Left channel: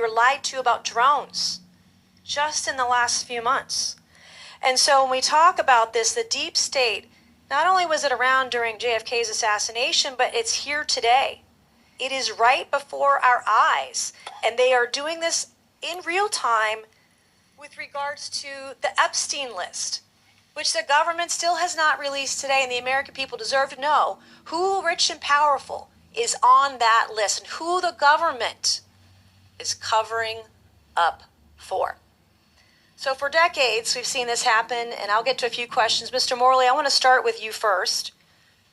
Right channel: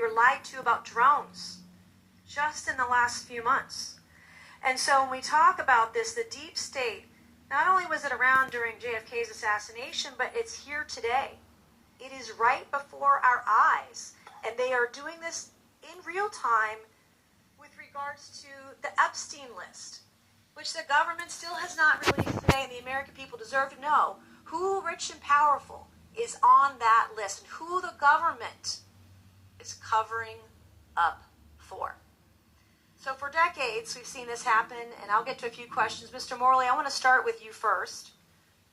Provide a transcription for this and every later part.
We were lied to about drones just in the last few months. And so when we talk about this, the deep state, not only was it around during JFK's assassination, but it's here today. It is right before our eyes. And they are doing this in real time with regards to the Epstein list, which the government still has not released today, and the American people deserve to know who rich and powerful is on that list and who the government is covering up for. So for decades, we've seen this happen, and I'll get to a few questions. Mr. Morley, I want to start with you first.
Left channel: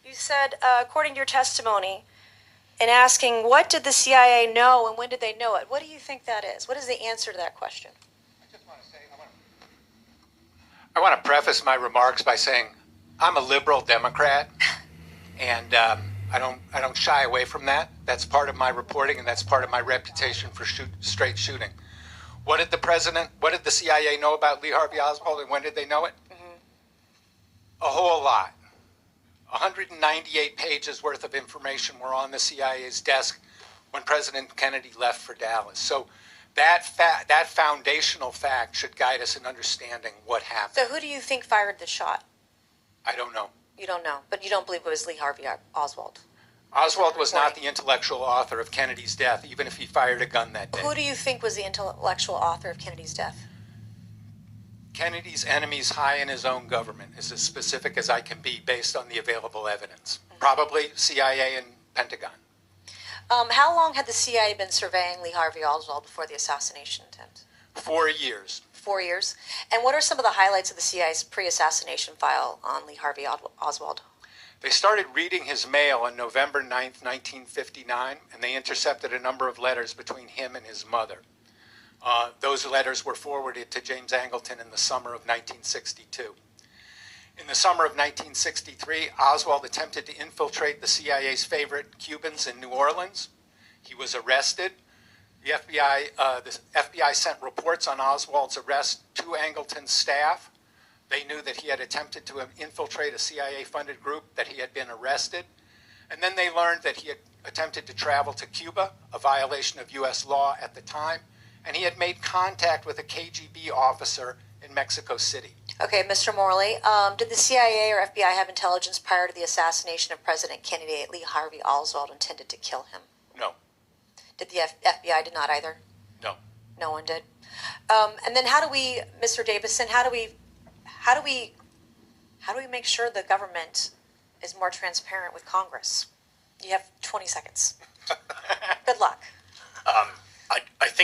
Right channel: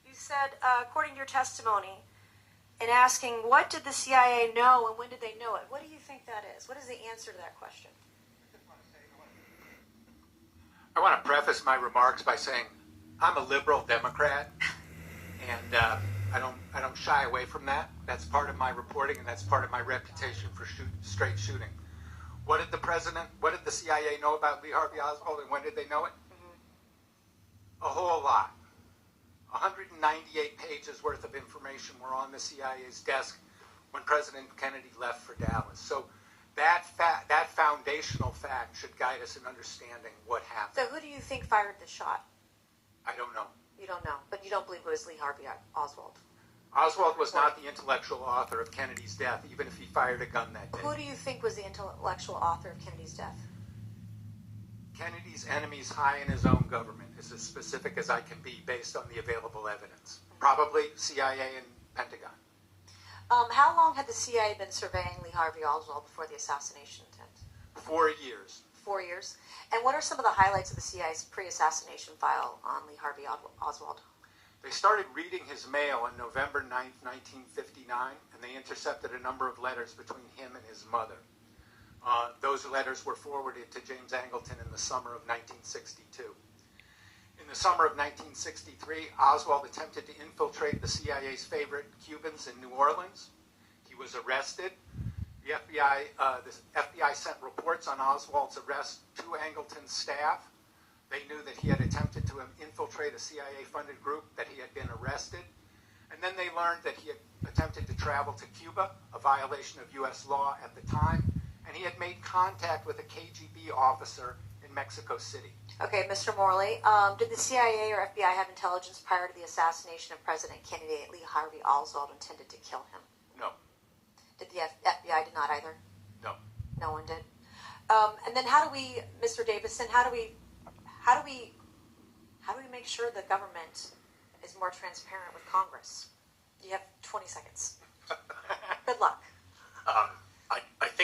You said, according to your testimony, in asking what did the CIA know and when did they know it, what do you think that is? What is the answer to that question? I want to preface my remarks by saying I'm a liberal Democrat, and I don't shy away from that. That's part of my reporting, and that's part of my reputation for straight shooting. What did the CIA know about Lee Harvey Oswald, and when did they know it? A whole lot. 198 pages worth of information were on the CIA's desk when President Kennedy left for Dallas. So that foundational fact should guide us in understanding what happened. So who do you think fired the shot? I don't know. You don't know, but you don't believe it was Lee Harvey Oswald? Oswald was not the intellectual author of Kennedy's death, even if he fired a gun that day. Who do you think was the intellectual author of Kennedy's death? Kennedy's enemies high in his own government is as specific as I can be based on the available evidence. Probably CIA and Pentagon. How long had the CIA been surveying Lee Harvey Oswald before the assassination attempt? 4 years. 4 years. And what are some of the highlights of the CIA's pre-assassination file on Lee Harvey Oswald? They started reading his mail on November 9th, 1959, and they intercepted a number of letters between him and his mother. Those letters were forwarded to James Angleton in the summer of 1962. In the summer of 1963, Oswald attempted to infiltrate the CIA's favorite Cubans in New Orleans. He was arrested. The FBI sent reports on Oswald's arrest to Angleton's staff. They knew that he had attempted to infiltrate a CIA-funded group, that he had been arrested. And then they learned that he had attempted to travel to Cuba, a violation of U.S. law at the time, and he had made contact with a KGB officer in Mexico City. Okay, Mr. Morley, did the CIA or FBI have intelligence prior to the assassination of President Kennedy that Lee Harvey Oswald intended to kill him? No. Did the FBI did not either? No. No one did. And then how do we, Mr. Davison, how do we make sure the government is more transparent with Congress? You have 20 seconds. Good luck. I think